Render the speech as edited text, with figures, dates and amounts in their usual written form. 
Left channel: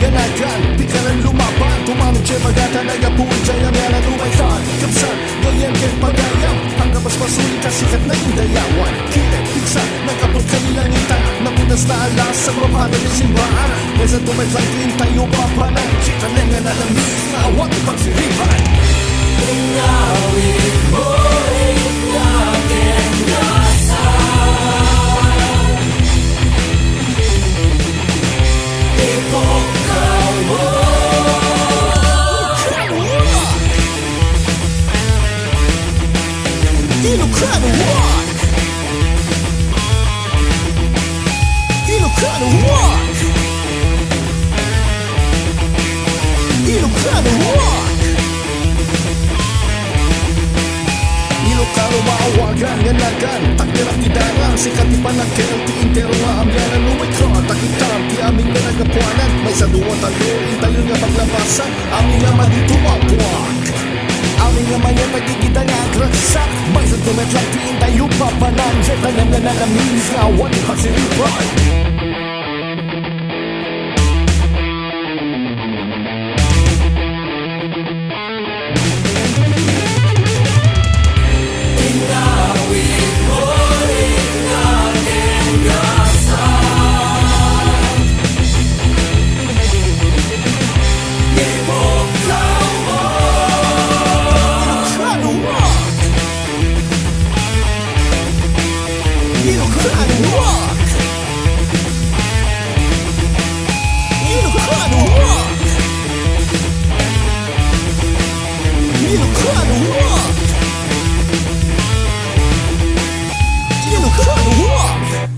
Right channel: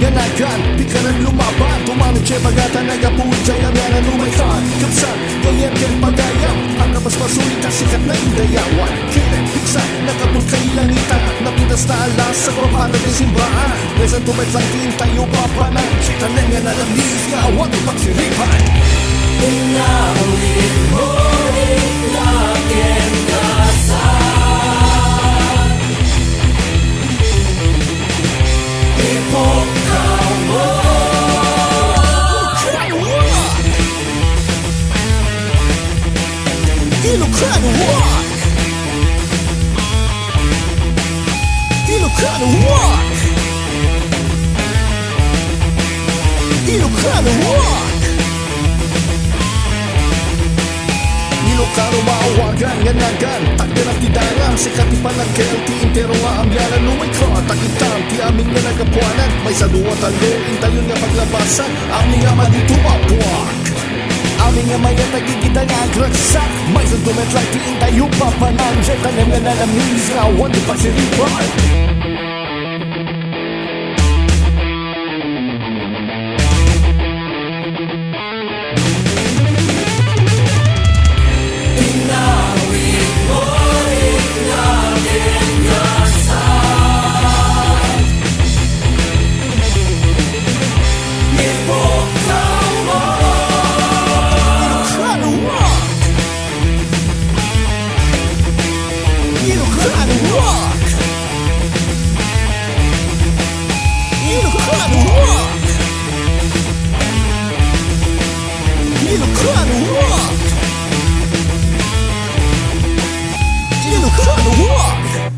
ganagan, pikaran lumaban, tumanong siya bagata, nagapuin siya yan ang lumaytan. Kapsan, ganyan ken pagayam, ang kapaspasulit ang sikat na indayawan. Kiret, piksa, nagapul kailangitan, napintas na alas sa propata ng simbahan. Nesan tumetlang tayo papanan, kita na nga nalamis nga awat ipagsiripan. Inawin mo rin natin gasan, ipokaw mo Ilocano rock, Ilocano rock, Ilocano rock. Ilocano maawagan, nganagan, takdirang tidarang, sikat ipanagkel, ti intero nga amyanan lumay ka, takitam, ti aming nga nagapuanan, may sa duwa talo, intayon nga paglabasan, aming nga maditumapuak. Aming nga maya tagigita nga agraksak, may sa tumetlang ti intayo papanan, jet tanem nga nalamis nga awan di pagsiripan. Ilocano rock, Ilocano rock, Ilocano rock, Ilocano rock.